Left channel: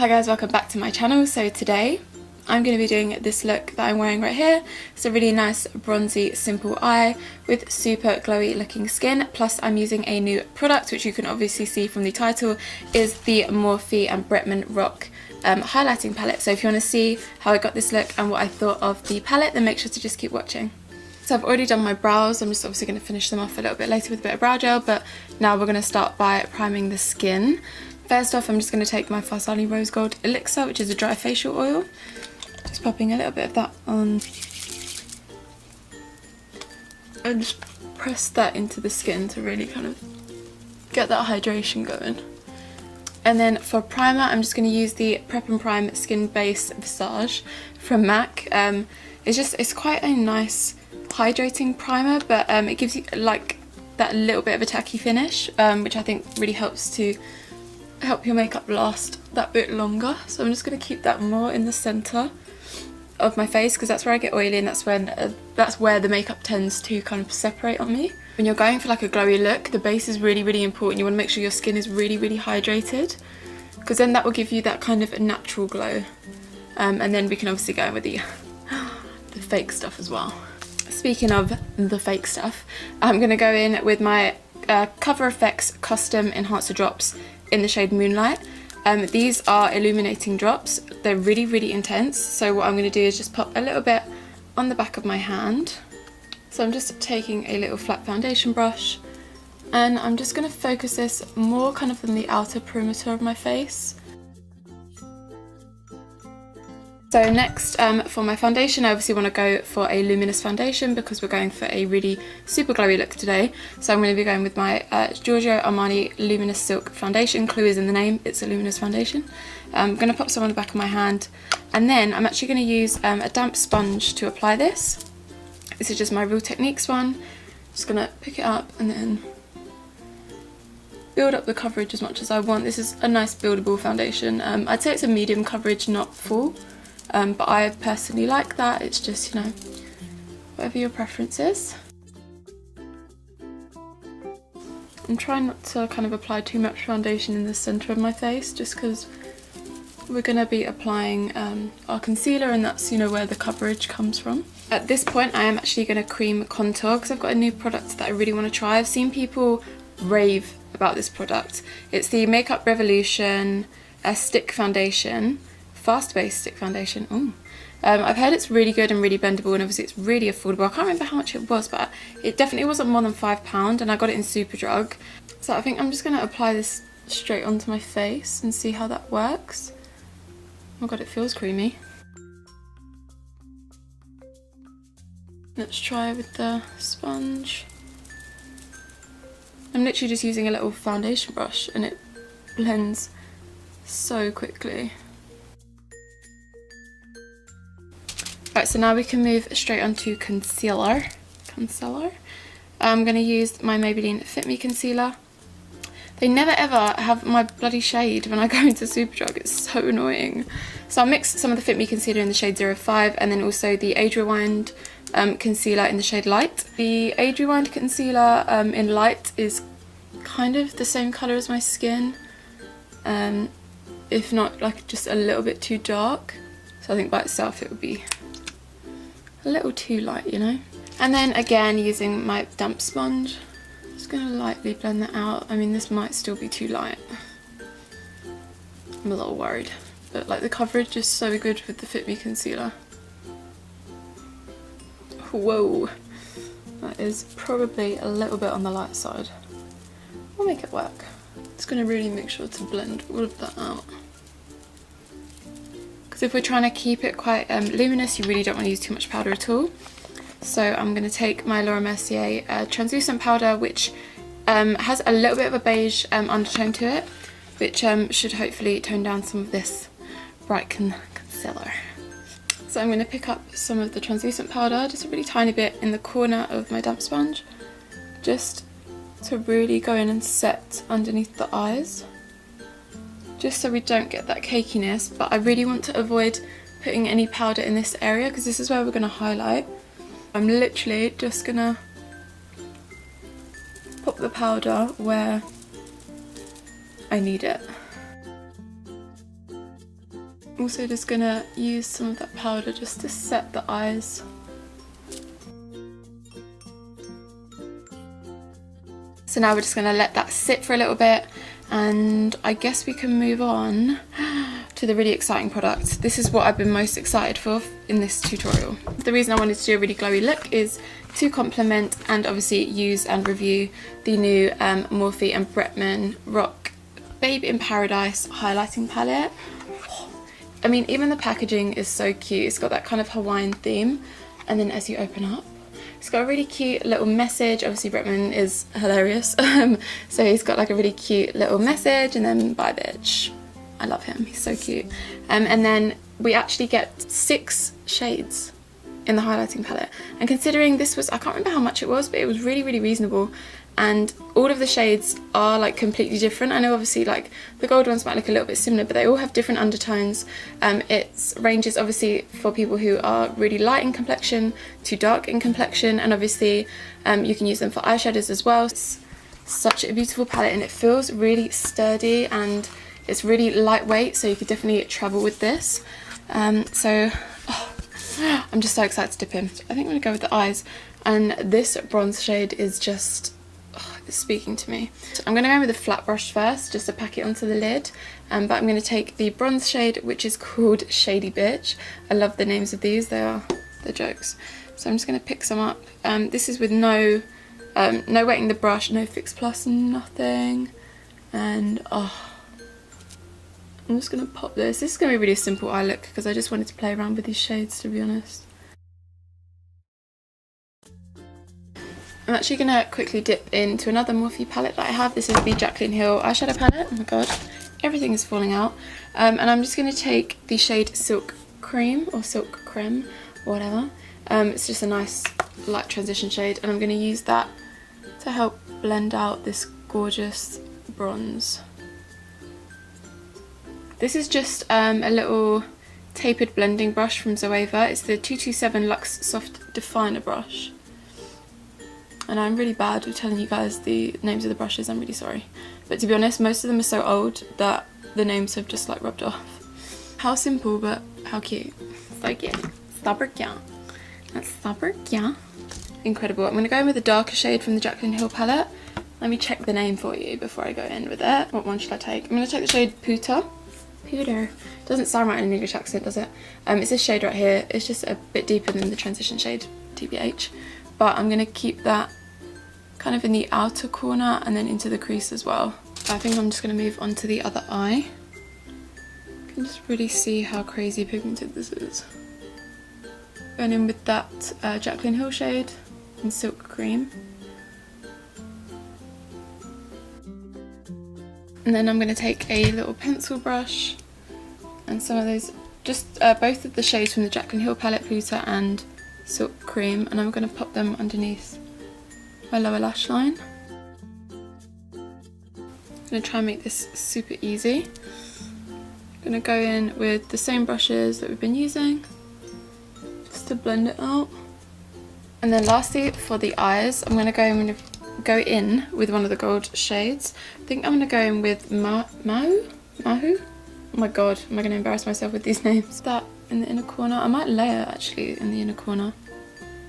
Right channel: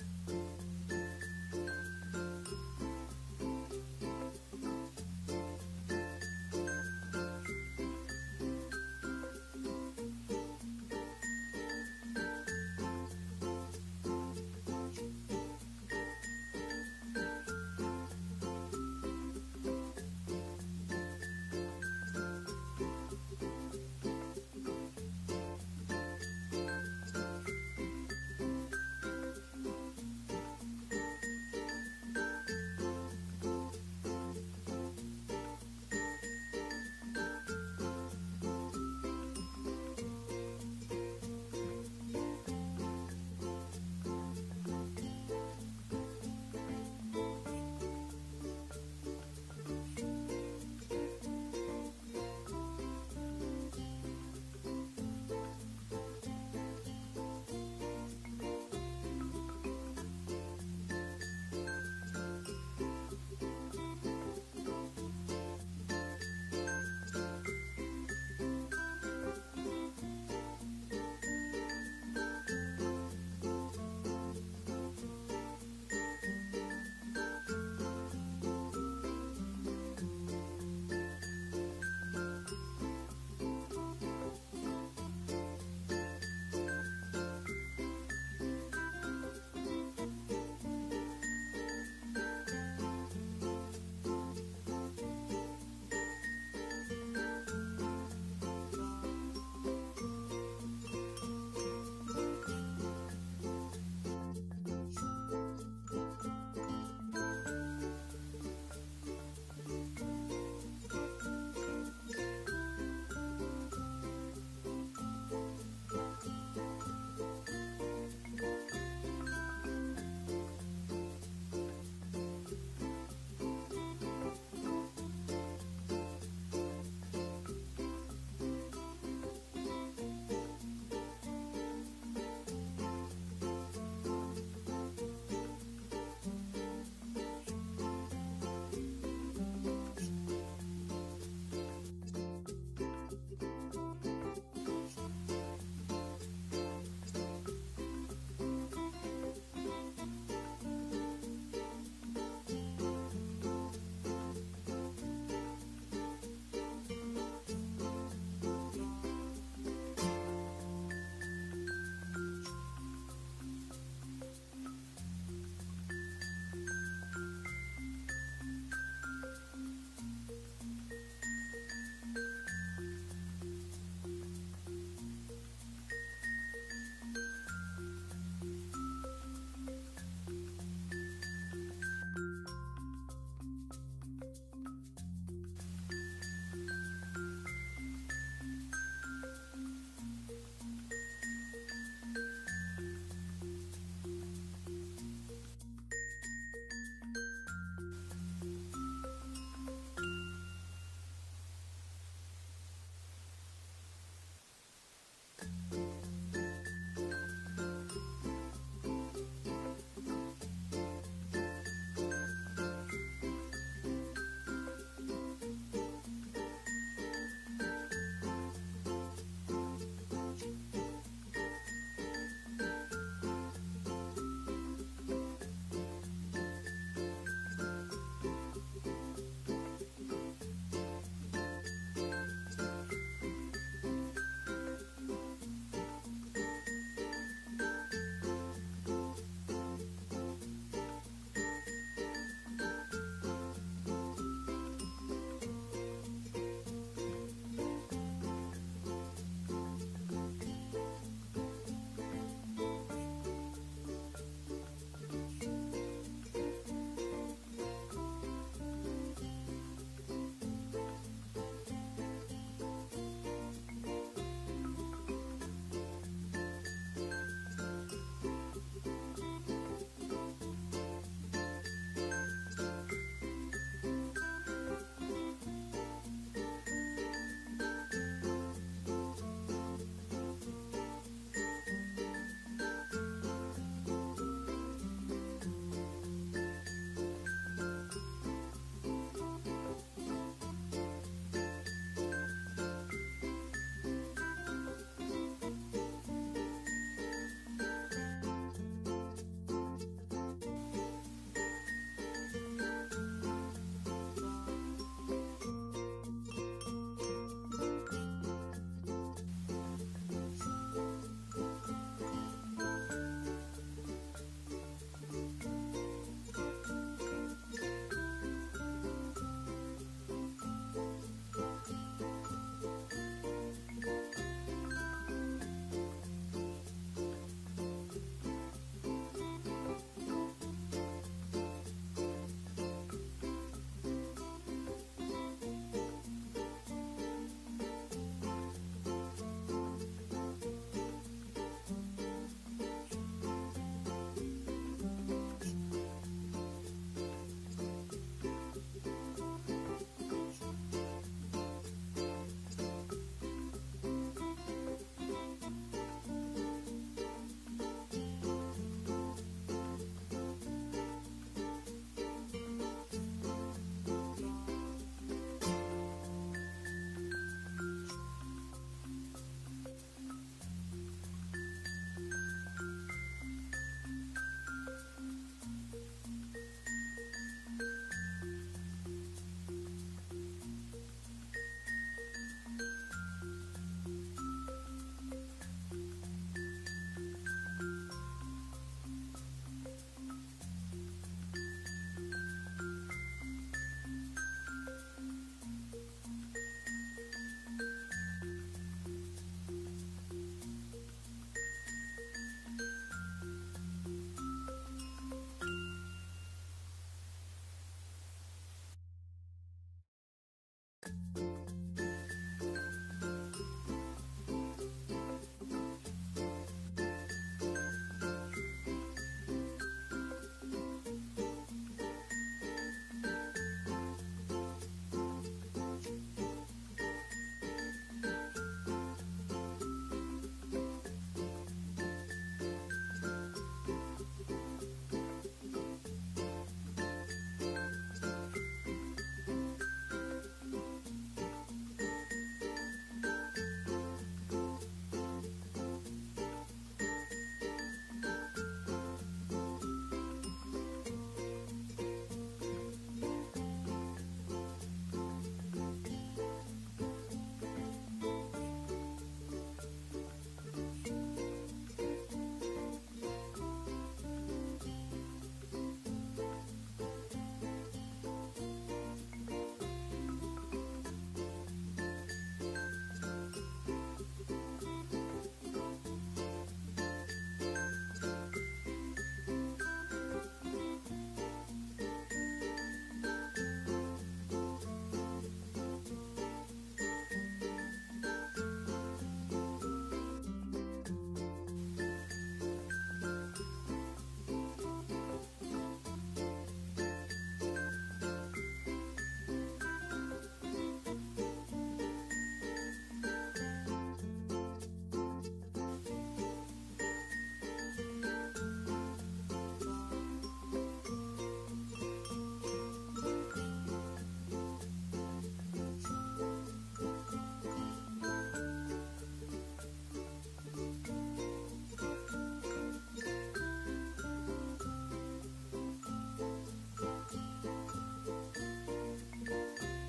Hi guys, welcome back to my channel. So today I'm going to be doing this look that I'm wearing right here. It's a really nice bronzy simple eye with super glowy looking skin, plus I'm using a new product which you can obviously see from the title is the Morphe and Bretman Rock highlighting palette. So if you want to see how I got this look and what I thought of the palette, then make sure to just keep watching. So I've already done my brows. I'm just obviously going to finish them off a little bit later with a bit of brow gel, but now we're going to start by priming the skin. First off, I'm just going to take my Farsali Rose Gold Elixir, which is a dry facial oil. Just popping a little bit of that on. And just press that into the skin to really kind of get that hydration going. And then for primer, I'm just going to use the Prep and Prime Skin Base Visage from MAC. It's quite a nice hydrating primer, but it gives you like that little bit of a tacky finish, which I think really helps to help your makeup last that bit longer. So I'm just going to keep that more in the center of my face because that's where I get oily, and that's where the makeup tends to kind of separate on me. When you're going for like a glowy look, the base is really important. You want to make sure your skin is really hydrated, because then that will give you that kind of natural glow. And then we can obviously go with the fake stuff as well. Speaking of the fake stuff, I'm going to go in with my Cover FX Custom Enhancer Drops in the shade Moonlight. These are illuminating drops. They're really intense. So what I'm going to do is just pop a little bit on the back of my hand. So I'm just taking a little flat foundation brush, and I'm just going to focus this more kind of in the outer perimeter of my face. So next, for my foundation, I obviously want to go for a Luminous foundation because we're going for a really super glowy look today. So I'm going to be going with my Giorgio Armani Luminous Silk Foundation. Clue is in the name, it's a luminous foundation. I'm going to pop some on the back of my hand, and then I'm actually going to use a damp sponge to apply this. This is just my Real Techniques one. Just going to pick it up and then build up the coverage as much as I want. This is a nice buildable foundation. I'd say it's a medium coverage, not full. But I personally like that. It's just, you know, whatever your preference is. I'm trying not to kind of apply too much foundation in the centre of my face, just because we're going to be applying our concealer, and that's, you know, where the coverage comes from. At this point, I am actually going to cream contour because I've got a new product that I really want to try. I've seen people rave about this product. It's the Makeup Revolution Stick Foundation. Fast base stick foundation. Ooh. I've heard it's really good and really blendable, and obviously it's really affordable. I can't remember how much it was, but it definitely wasn't more than £5, and I got it in Superdrug. So I think I'm just going to apply this straight onto my face and see how that works. Oh my god, it feels creamy. Let's try with the sponge. I'm literally just using a little foundation brush and it blends so quickly. Right, so now we can move straight on to concealer. I'm going to use my Maybelline Fit Me concealer. They never ever have my bloody shade when I go into Superdrug. It's so annoying. So I'll mix some of the Fit Me concealer in the shade 05, and then also the Age Rewind concealer in the shade Light. The Age Rewind concealer in Light is kind of the same colour as my skin, if not like just a little bit too dark. So I think by itself it would be a little too light, you know. And then again, using my damp sponge, just going to lightly blend that out. I mean, this might still be too light. I'm a little worried. But like the coverage is so good with the Fit Me concealer. Whoa. That is probably a little bit on the light side. We'll make it work. It's going to really make sure to blend all of that out. If we're trying to keep it quite luminous, you really don't want to use too much powder at all. So I'm going to take my Mercier translucent powder, which has a little bit of a beige undertone to it, which should hopefully tone down some of this bright concealer. So I'm going to pick up some of the translucent powder, just a really tiny bit in the corner of my damp sponge, just to really go in and set underneath the eyes, just so we don't get that cakiness. But I really want to avoid putting any powder in this area because this is where we're going to highlight. I'm literally just going to pop the powder where I need it. Also just gonna use some of that powder just to set the eyes. So now we're just gonna let that sit for a little bit, and I guess we can move on to the really exciting product. This is what I've been most excited for in this tutorial. The reason I wanted to do a really glowy look is to complement and obviously use and review the new Morphe and Bretman Rock Babe in Paradise highlighting palette. I mean, even the packaging is so cute. It's got that kind of Hawaiian theme, and then as you open up, it's got a really cute little message. Obviously Bretman is hilarious, so he's got like a really cute little message, and then bye bitch. I love him, he's so cute. And then we actually get 6 shades in the highlighting palette. And considering this was, I can't remember how much it was, but it was really, really reasonable. And all of the shades are like completely different. I know obviously like the gold ones might look a little bit similar, but they all have different undertones. It ranges obviously for people who are really light in complexion to dark in complexion, and obviously you can use them for eyeshadows as well. It's such a beautiful palette, and it feels really sturdy, and it's really lightweight, so you could definitely travel with this. I'm just so excited to dip in. I think I'm gonna go with the eyes, and this bronze shade is just it's speaking to me. So I'm gonna go with a flat brush first, just to pack it onto the lid. But I'm gonna take the bronze shade, which is called Shady Bitch. I love the names of these; they're jokes. So I'm just gonna pick some up. This is with no wetting the brush, no Fix Plus, nothing, and I'm just going to pop this. This is going to be a really simple eye look because I just wanted to play around with these shades, to be honest. I'm actually going to quickly dip into another Morphe palette that I have. This is the Jaclyn Hill eyeshadow palette. Oh my god, everything is falling out. And I'm just going to take the shade Silk Cream, or Silk Creme, or whatever. It's just a nice light transition shade, and I'm going to use that to help blend out this gorgeous bronze. This is just a little tapered blending brush from Zoeva. It's the 227 Luxe Soft Definer brush. And I'm really bad with telling you guys the names of the brushes, I'm really sorry. But to be honest, most of them are so old that the names have just like rubbed off. How simple, but how cute. So cute. Super cute. That's super cute. Incredible. I'm going to go in with a darker shade from the Jaclyn Hill palette. Let me check the name for you before I go in with it. What one should I take? I'm going to take the shade Puta. Doesn't sound right in an English accent, does it? It's this shade right here. It's just a bit deeper than the transition shade, TBH. But I'm going to keep that kind of in the outer corner and then into the crease as well. I think I'm just going to move on to the other eye. You can just really see how crazy pigmented this is. Going in with that Jaclyn Hill shade in Silk Cream. And then I'm going to take a little pencil brush and some of those, just both of the shades from the Jaclyn Hill palette, Puta and Silk Cream, and I'm going to pop them underneath my lower lash line. I'm going to try and make this super easy. I'm going to go in with the same brushes that we've been using, just to blend it out. And then lastly, for the eyes, I'm going to go in with one of the gold shades. I think I'm going to go in with Mahu? Oh my god, am I going to embarrass myself with these names? That in the inner corner. I might layer actually in the inner corner.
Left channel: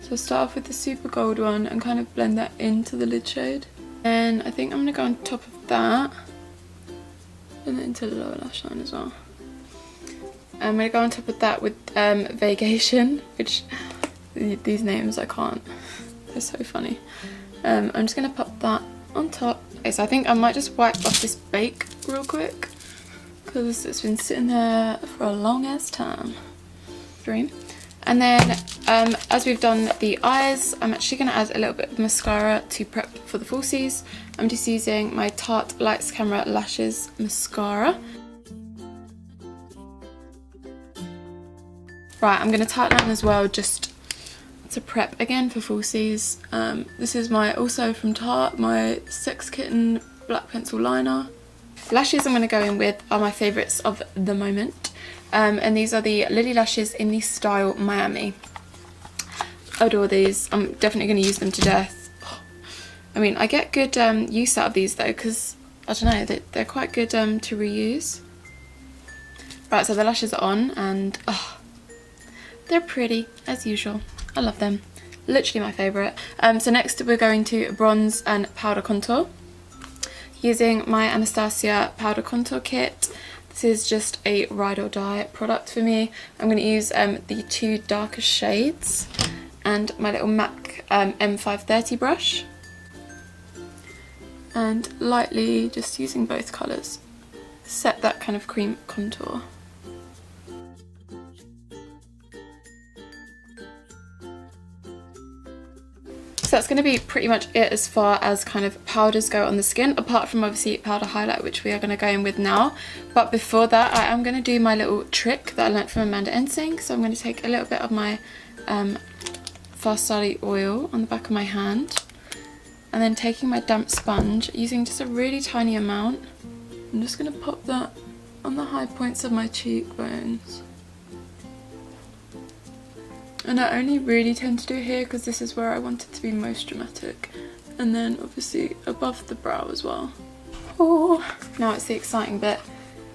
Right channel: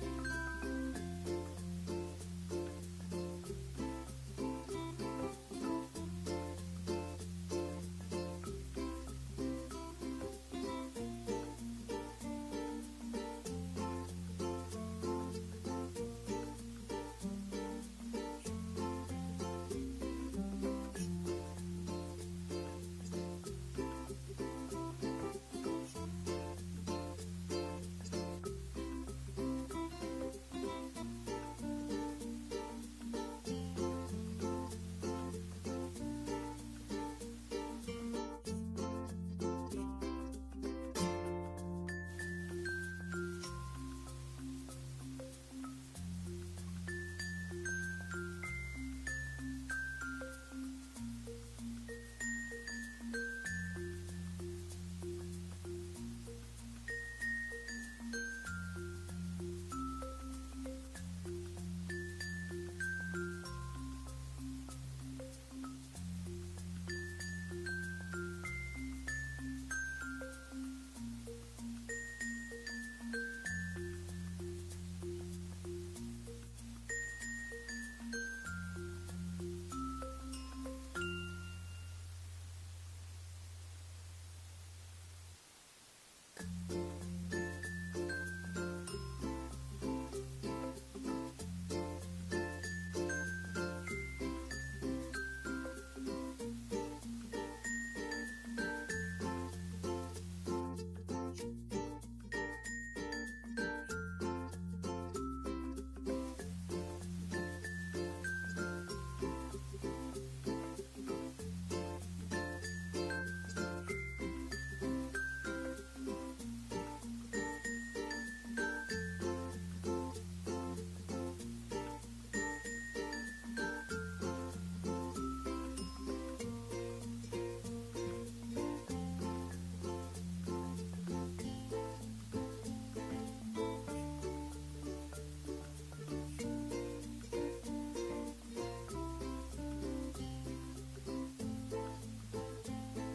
So I'll start off with the super gold one and kind of blend that into the lid shade. And I think I'm going to go on top of that and then into the lower lash line as well. I'm going to go on top of that with Vacation, which these names I can't. They're so funny. I'm just going to pop that on top. Okay, so I think I might just wipe off this bake real quick because it's been sitting there for a long ass time. Dream. And then as we've done the eyes, I'm actually going to add a little bit of mascara to prep for the falsies. I'm just using my Tarte Lights Camera Lashes mascara. Right, I'm going to tighten that as well just to prep again for falsies. This is also from Tarte, my Sex Kitten black pencil liner. Lashes I'm going to go in with are my favourites of the moment. And these are the Lily lashes in the style Miami. I adore these. I'm definitely going to use them to death. I mean, I get good use out of these though, because I don't know, they're quite good to reuse. Right, so the lashes are on and oh, they're pretty as usual. I love them. Literally my favourite. So next we're going to bronze and powder contour. Using my Anastasia powder contour kit. This is just a ride or die product for me. I'm going to use the 2 darkest shades and my little MAC M530 brush. And lightly, just using both colours, set that kind of cream contour. So that's going to be pretty much it as far as kind of powders go on the skin, apart from obviously powder highlight, which we are going to go in with now. But before that, I am going to do my little trick that I learnt from Amanda Ensing. So I'm going to take a little bit of my Farsali oil on the back of my hand, and then taking my damp sponge, using just a really tiny amount, I'm just going to pop that on the high points of my cheekbones. And I only really tend to do here because this is where I want it to be most dramatic. And then obviously above the brow as well. Oh, now it's the exciting bit,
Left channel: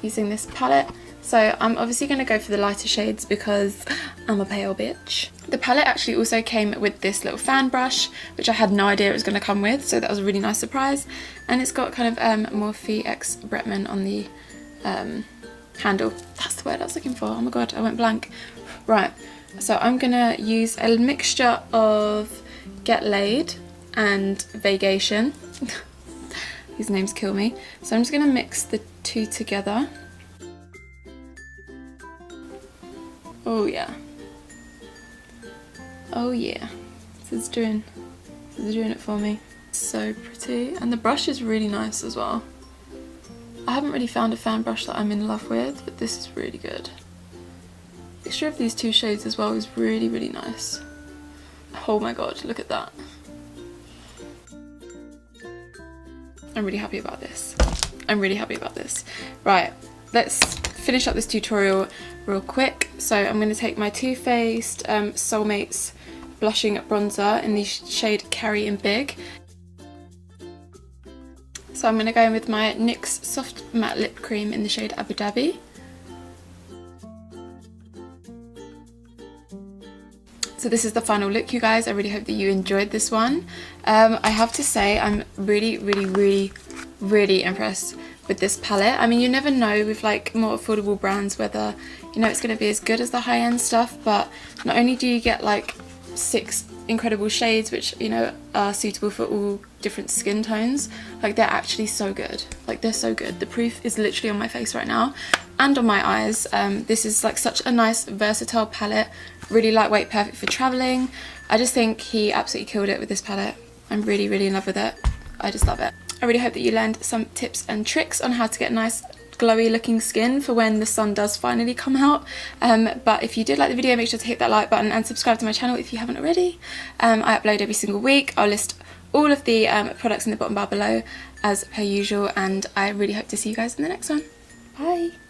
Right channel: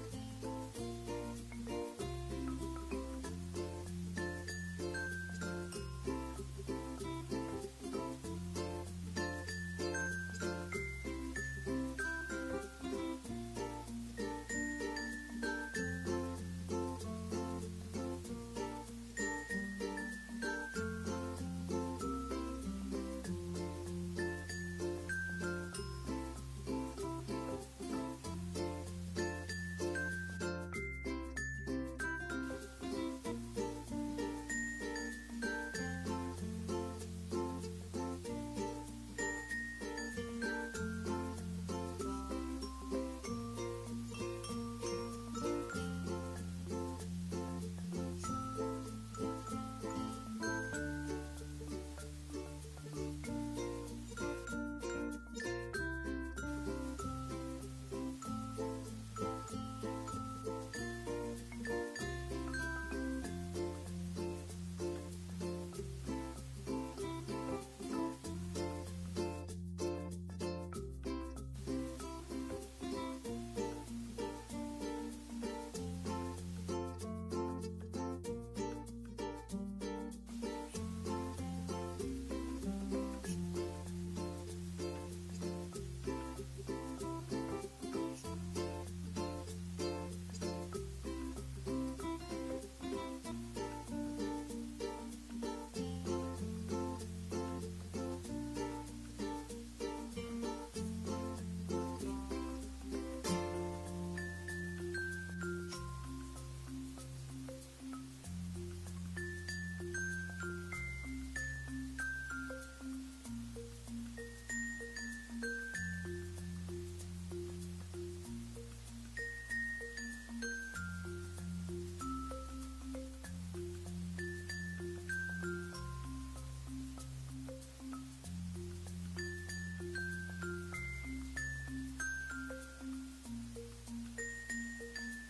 using this palette. So I'm obviously going to go for the lighter shades because I'm a pale bitch. The palette actually also came with this little fan brush, which I had no idea it was going to come with, so that was a really nice surprise. And it's got kind of Morphe x Bretman on the handle. That's the word I was looking for. Oh my god, I went blank. Right, so I'm gonna use a mixture of Get Laid and Vacation. These names kill me. So I'm just gonna mix the two together. Oh yeah. Oh yeah. This is doing it for me. So pretty. And the brush is really nice as well. I haven't really found a fan brush that I'm in love with, but this is really good. The mixture of these 2 shades as well is really, really nice. Oh my god, look at that. I'm really happy about this. I'm really happy about this. Right, let's finish up this tutorial real quick. So I'm going to take my Too Faced Soulmates blushing bronzer in the shade Carry in Big. So I'm going to go in with my NYX Soft Matte Lip Cream in the shade Abu Dhabi. So this is the final look, you guys. I really hope that you enjoyed this one. I have to say I'm really, really, really, really impressed with this palette. I mean, you never know with like more affordable brands whether, you know, it's going to be as good as the high-end stuff, but not only do you get like 6 incredible shades which, you know, are suitable for all different skin tones, like they're actually so good. Like they're so good. The proof is literally on my face right now and on my eyes. This is like such a nice versatile palette, really lightweight, perfect for traveling. I just think he absolutely killed it with this palette. I'm really, really in love with it. I just love it. I really hope that you learned some tips and tricks on how to get nice glowy looking skin for when the sun does finally come out. But if you did like the video, make sure to hit that like button and subscribe to my channel if you haven't already. I upload every single week. I'll list all of the products in the bottom bar below as per usual, and I really hope to see you guys in the next one. Bye!